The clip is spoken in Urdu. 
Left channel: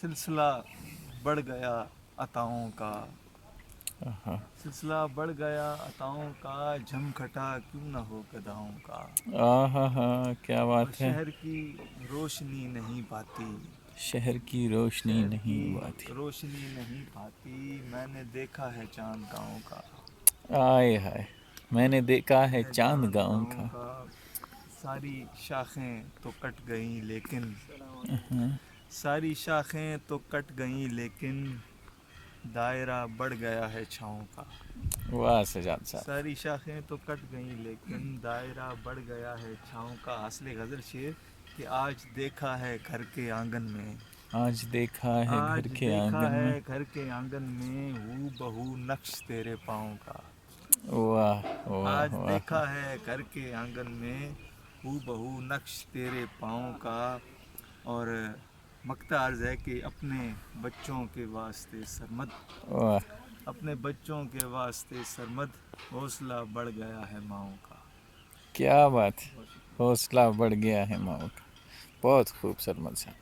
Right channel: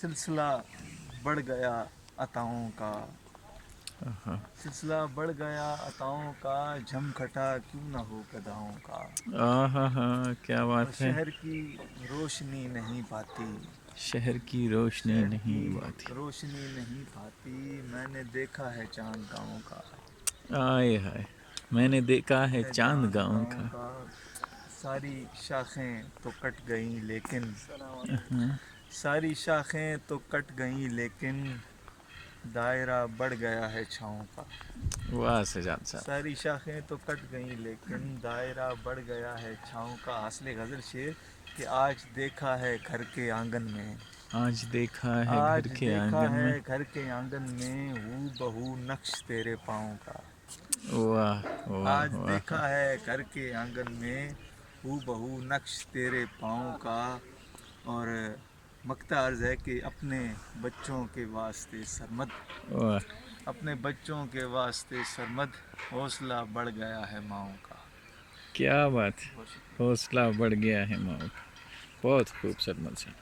سلسلہ بڑھ گیا عطاؤں کا، آہا سلسلہ بڑھ گیا عطاؤں کا، جھم گھٹا کیوں نہ ہو گداؤں کا، آہا ہا کیا اور بات ہے. شہر کی روشنی نہیں پاتی، شہر کی روشنی شہر کی نہیں پاتی. روشنی نہیں پاتی، میں نے دیکھا ہے چاند گاؤں کا، آئے ہائے میں نے دیکھا ہے ہے چاند گاؤں کا. ساری شاخیں تو کٹ گئیں لیکن، آہا، ساری شاخیں تو کٹ گئیں لیکن، دائرہ بڑھ گیا ہے چھاؤں کا، واہ سجاد صاحب. ساری شاخیں تو کٹ گئیں لیکن، دائرہ بڑھ گیا ہے چھاؤں کا. حاصل غزل شعر کہ آج دیکھا ہے گھر کے آنگن میں، آج دیکھا ہے گھر آج کے دیکھا آنگن میں. ہے گھر کے آنگن میں، ہو بہو نقش تیرے پاؤں کا، واہ واہ آج واہ. دیکھا ہے گھر کے آنگن میں، ہو بہو نقش تیرے پاؤں کا. اور مقطع عرض ہے کہ اپنے بچوں کے واسطے سرمد، واہ اپنے بچوں کے واسطے سرمد، حوصلہ بڑھ گیا ہے ماؤں کا. کیا بات. بہت شکریہ. حوصلہ بڑھ گیا ہے ماؤں کا. بہت خوب سرمد صاحب.